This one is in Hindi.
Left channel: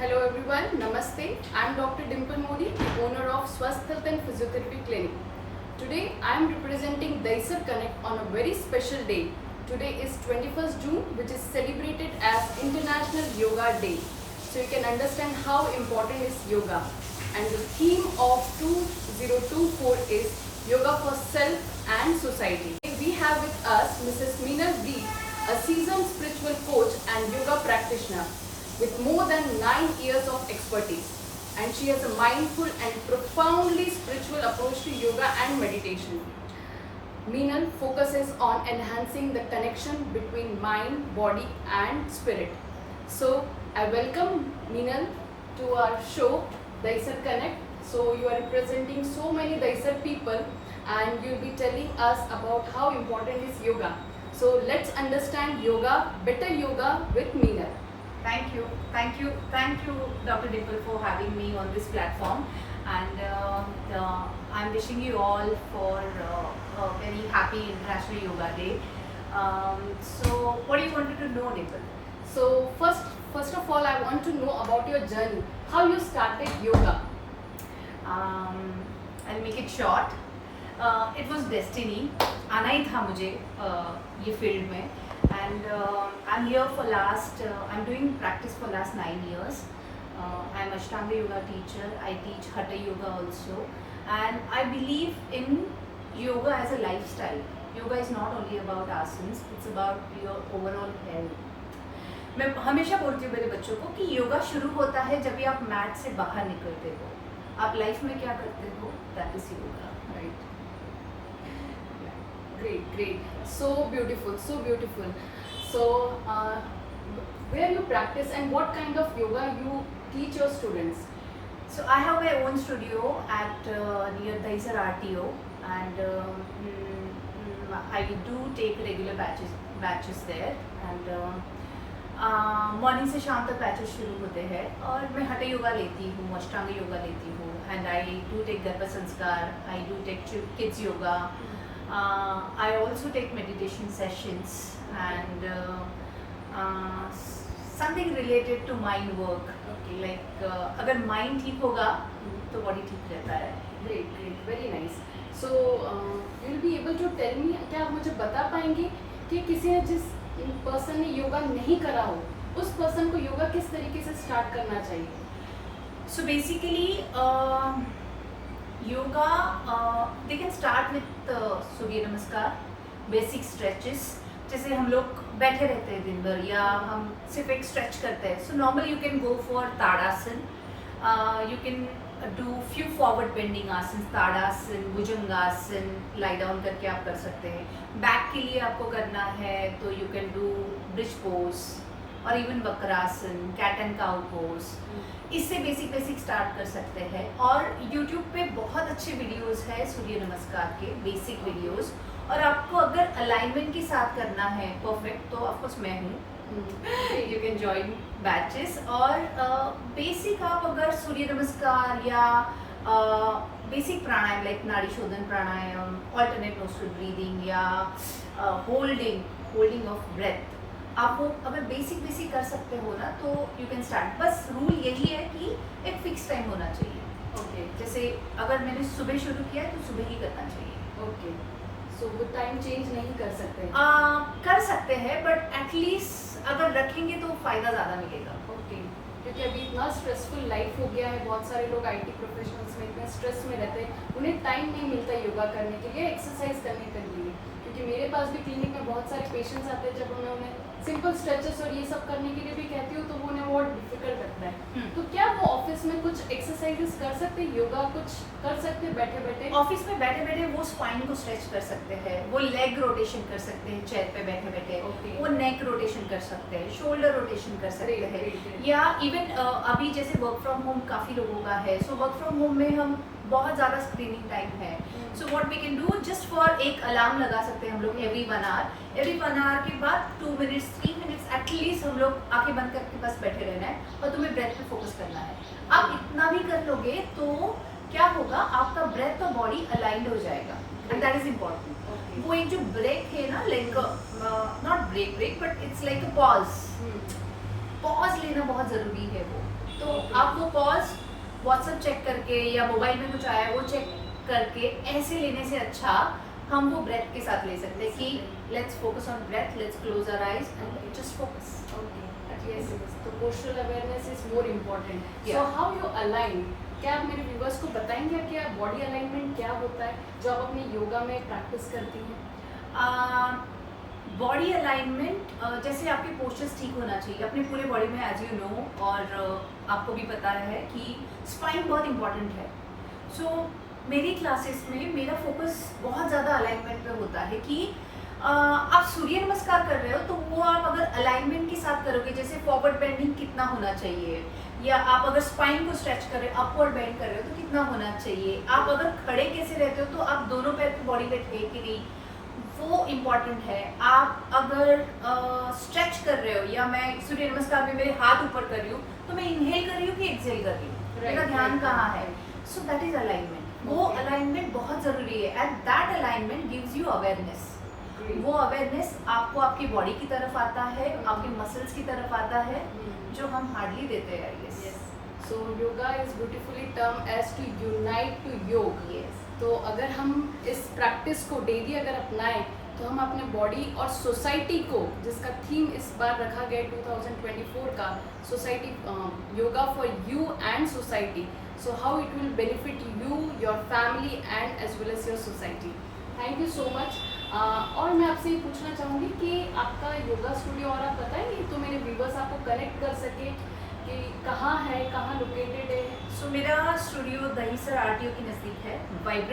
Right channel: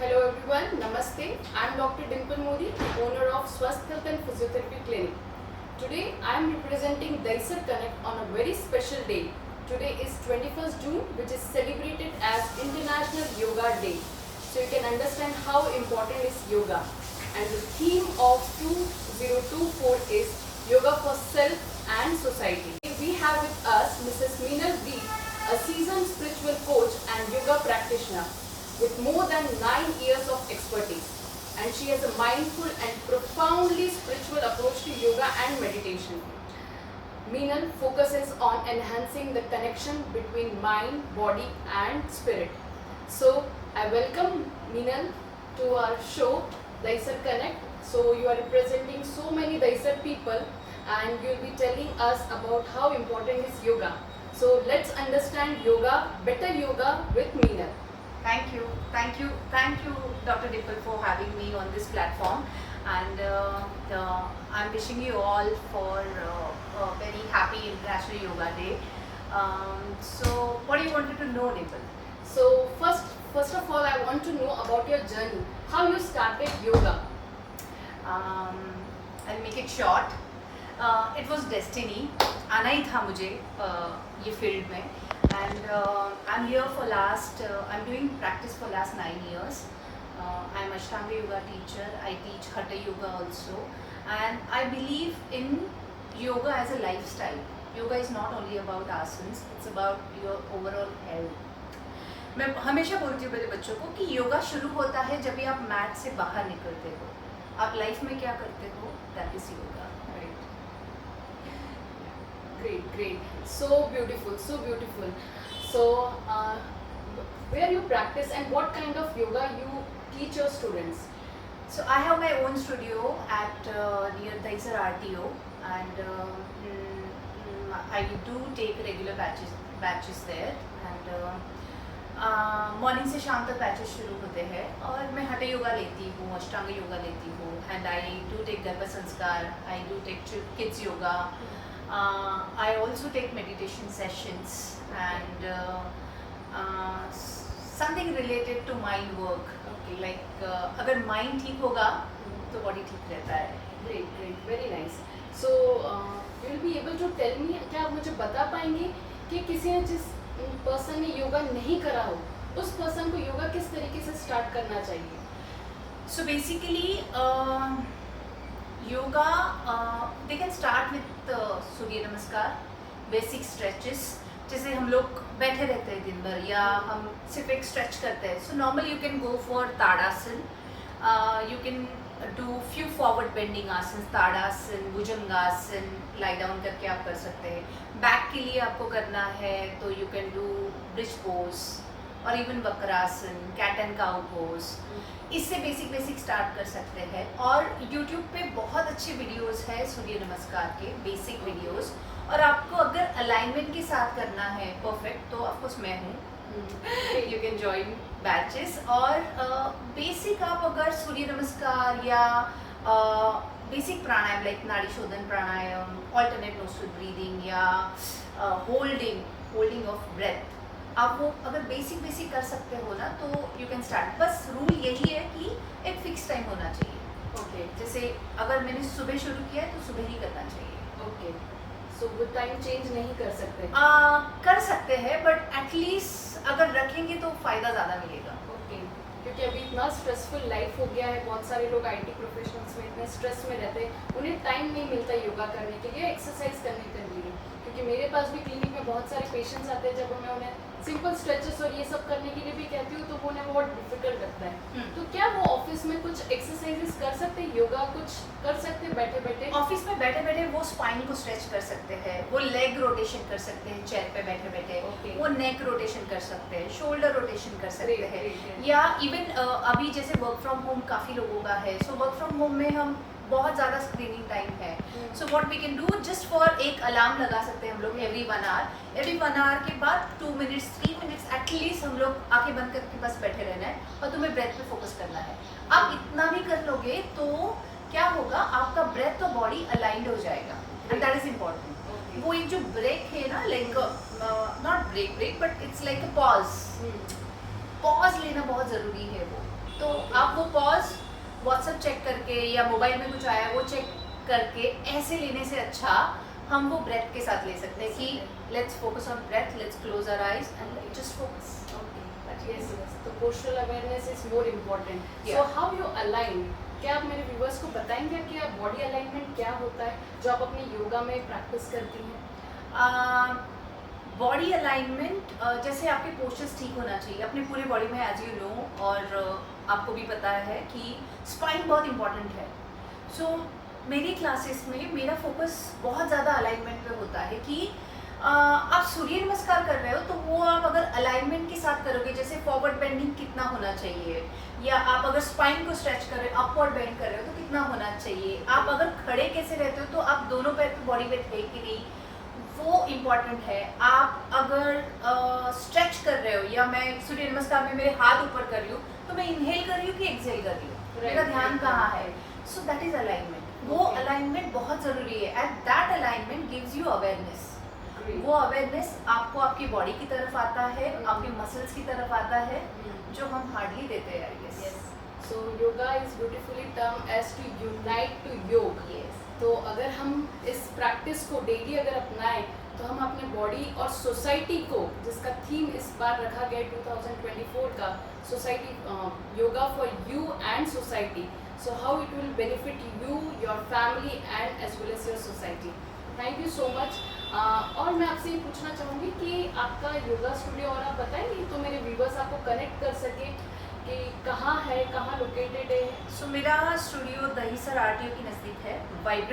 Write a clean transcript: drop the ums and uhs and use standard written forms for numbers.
Hello everyone, Namaste. I am Dr. Dimple Modi, the owner of Swasth Health and Physiotherapy Clinic. Today I am representing Daisar Connect on a very special day. Today is 21st June, which is celebrated as International Yoga Day. So you can understand how important is yoga. And the theme of 2024 is Yoga for Self and Society. We have with us Mrs. Meenal V, a seasoned spiritual coach and yoga practitioner with more than 9 years of expertise, and she has a mindful and profoundly spiritual approach to yoga and meditation. Meenal focuses on enhancing the connection between mind, body and spirit. So I welcome Meenal to our show Daisar Connect. So you are representing so many Daisar people and you'll be telling us about how important is yoga. So let's understand yoga, better yoga with Meenal. Thank you, Dr. Dimple, for having me on this platform, and I'm wishing you all for a very happy International Yoga Day. So, what do you wanted to know, Dimple? So first of all, I want to know about your journey. How you started yoga? I'll make it short. It was destiny. आना ही था मुझे ये फील्ड में. And I'm here for I'm doing practice for last 9 years. I'm Ashtanga yoga teacher. I teach Hatha yoga also. And I believe in yoga as a lifestyle. Yoga is not only about asanas, it's about your overall health. मैं हमेशा बोलती हूँ मेरे बच्चों को कि योगा शुरू होता है जब भी आप मैट से बाहर निकलते हो. आप लाइफ में क्या करते हो, that is yoga. Right. Great. So beautiful. So where you practice and what kind of yoga you teach your students? So I have my own studio at near Daisar RTO, and I do take regular batches there, and morning से शाम तक बैचेस शुरू होते हैं. और मैं हठ योगा लेती हूँ, अष्टांग योगा लेती हूँ, एंड आई डू टेक गर्भ संस्कार, I do take kids yoga, I also take meditation sessions and something related to mind work. Like अगर माइंड ठीक होगा तो बॉडी ठीक रहता है. Great, very nice. So you will be able to tell me, क्या आप मुझे बता पाएंगे कि किसी ने जिस पर्सन ने योगा नहीं करा हो, उस पर्सन को योगा किस तरीके से स्टार्ट करना चाहिए? So basically, yoga, they can start with सूर्य नमस्कार, basic stretches. जैसे हम लोग बैठे रहते हैं दिन भर या हम सिर्फ एक स्ट्रेच करते हैं. So normally you can go for tadasana. You can do few forward bending आसन, ताड़ासन, भुजंगासन, lie down करके आप कर सकते हैं. बैक के लिए आपको करना है तो you can do bridge pose और even Vakrasana, cat and cow pose. इससे बेसिक स्टार्ट कर सकते हैं. और यूट्यूब पे बहुत अच्छे वीडियोस है सूर्य नमस्कार के, बेसिक वीडियोस. और आपको अगर अलाइनमेंट के साथ करना है परफेक्ट, तो ऑफकोर्स मैं हूँ. You can join batches. और बेसिक आप अगर सूर्य नमस्कार या बेसिक प्राणायाम लाइक नाड़ी शोधन प्राणायाम, ऑल्टरनेट नोस्ट्रल ब्रीदिंग या होल्डिंग ऑफ ब्रेथ, आप वो अगर बेसिक कर सकते हो ना, तो यू कैन स्टार्ट. बस रूल यही है कि एक फिक्स टाइम होना चाहिए. ओके. जैसे अगर मैंने सुबह शुरू किया है तो सुबह ही करना चाहिए. ओके. सो वो टाइम चेंज नहीं कर सकते? कर सकते हैं, बट एटलीस्ट अगर रखेंगे तो फायदा ज़्यादा मिलेगा. ओके. क्योंकि अभी इतना स्ट्रेसफुल लाइफ हो गया है, बहुत सारे लोग आईटी प्रोफेशनल्स में इतने स्ट्रेस में रहते हैं, उन्हें टाइम नहीं मिलता योगा करने के लिए, एक्सरसाइज करने के लिए. क्योंकि मेरे पास भी क्लिनिक में बहुत सारे पेशेंट्स आते हैं, जब मैं उन्हें सिंपल स्ट्रेचेस और ये सब करने के लिए भी कहती हूँ तो वो उन्हें बहुत डिफिकल्ट लगता है. तो क्या वो ऑफिस में कुछ एक्सरसाइजेस कर सकते हैं, योगा कुछ कर सकते हैं बैठे बैठे? ऑफिस में बैठे बैठे वो स्पाइन को स्ट्रेच कर सकते हैं, वो लेग रोटेशन कर सकते हैं चेयर पे बैठे बैठे. Okay. वो नेक रोटेशन कर सकते हैं, शोल्डर रोटेशन कर सकते Great, हैं. great. या इवन अभी जैसे वर्क फ्रॉम होम काफ़ी लोगों का है, सो वर्क फ्रॉम होम में हम बहुत ज़्यादा स्क्रीनिंग टाइम है. So what we can do, just for एक अलार्म लगा सकते हैं हम लोग एवरी 1 आवर के बाद 2 मिनट्स 3 मिनट्स एटलीस्ट हम लोग आंखें बंद करके बस बैठे रहना है और तुम्हें ब्रेथ पे फोकस करना है. आप इतना भी कर लोगे तो क्या होगा, आपका ब्रेथ और बॉडी अलाइंड हो जाएगा. And that is important. वो एक जो ब्रेक है ना, like not break but it's like a pause लेना बहुत ज़रूरी है. वो तो आप वो पॉज व्हाट्सएप चेक करके या मोबाइल में कुछ आया वो चेक करके ऐसे लेने से अच्छा हम वो ब्रेथ के साथ ले सकते हैं कि let's focus on breath, let's close our eyes and just focus. Yes, yes. तो postural awareness is more important. Yeah. So how you align? क्या आप मेरे व्यूवर्स को बताएंगे कि बॉडी अलाइनमेंट क्या होता है जो आप अपनी योगा में प्रैक्टिस करती हैं? बॉडी अलाइनमेंट जैसे आपके पोस्चर्स ठीक होना चाहिए अपने पूरे बॉडी में, एज यू नो, और आपको भी पता है कि स्पाइन बहुत इंपॉर्टेंट है. सो मेरी क्लासेस में मेरा फोकस बहुत ज़्यादा अलाइनमेंट पे होता है कि आप सूर्य नमस्कार कर रहे हो तो वो आप अगर अलाइनमेंट के साथ करोगे, जैसे फॉरवर्ड बेंडिंग कितना होना चाहिए, या आप अगर स्पाइन को स्ट्रेच कर रहे हो, अपवर्ड बेंड कर रहे हो तो कितना होना चाहिए, आप अगर खड़े कैसे रहते हो तो आप दोनों पैर पे बॉडी वेट है कि नहीं, वो इम्पॉर्टेंट है. आप अगर स्ट्रेच कर रहे हो या मैं सूर्य नमस्कार में मेरे हाथ ऊपर कर रही हूँ तो मैं इनहेल कर रही हूँ कि एक्सहेल कर रही हूँ, मेरा ध्यान कहाँ है. So that is alignment. वो अलाइनमेंट बहुत ज़रूरी है and that alignment gives you awareness. वो अवेयरनेस आपको आपकी बॉडी की तरफ आता है, आपके मसल्स की तरफ आता है, जो हम हार्डली देते हैं, I guess. So yoga is beautifully termed as to unite to योग. Yes. तो अगर हम इस प्रैक्टिस को डेली अगर अपनाएं तो हम अपने बॉडी और सोसाइटी को, जिसका थीम इस बार रखा गया 2024 का, society yoga for you and society, so how it will benefit you, your family and as well as your society. Thank you so much. और मैं आपसे ये पूछना चाहूँगी कि आपका योगा स्टूडियो, और आप बताएंगे तो मेरे व्यूवर्स आपको कनेक्ट कर सके कि कहाँ है, कहाँ लोकेटेड है. सो मेरा स्टूडियो दहीसर आरटीओ के नज़दीक है. वाइब्रेंट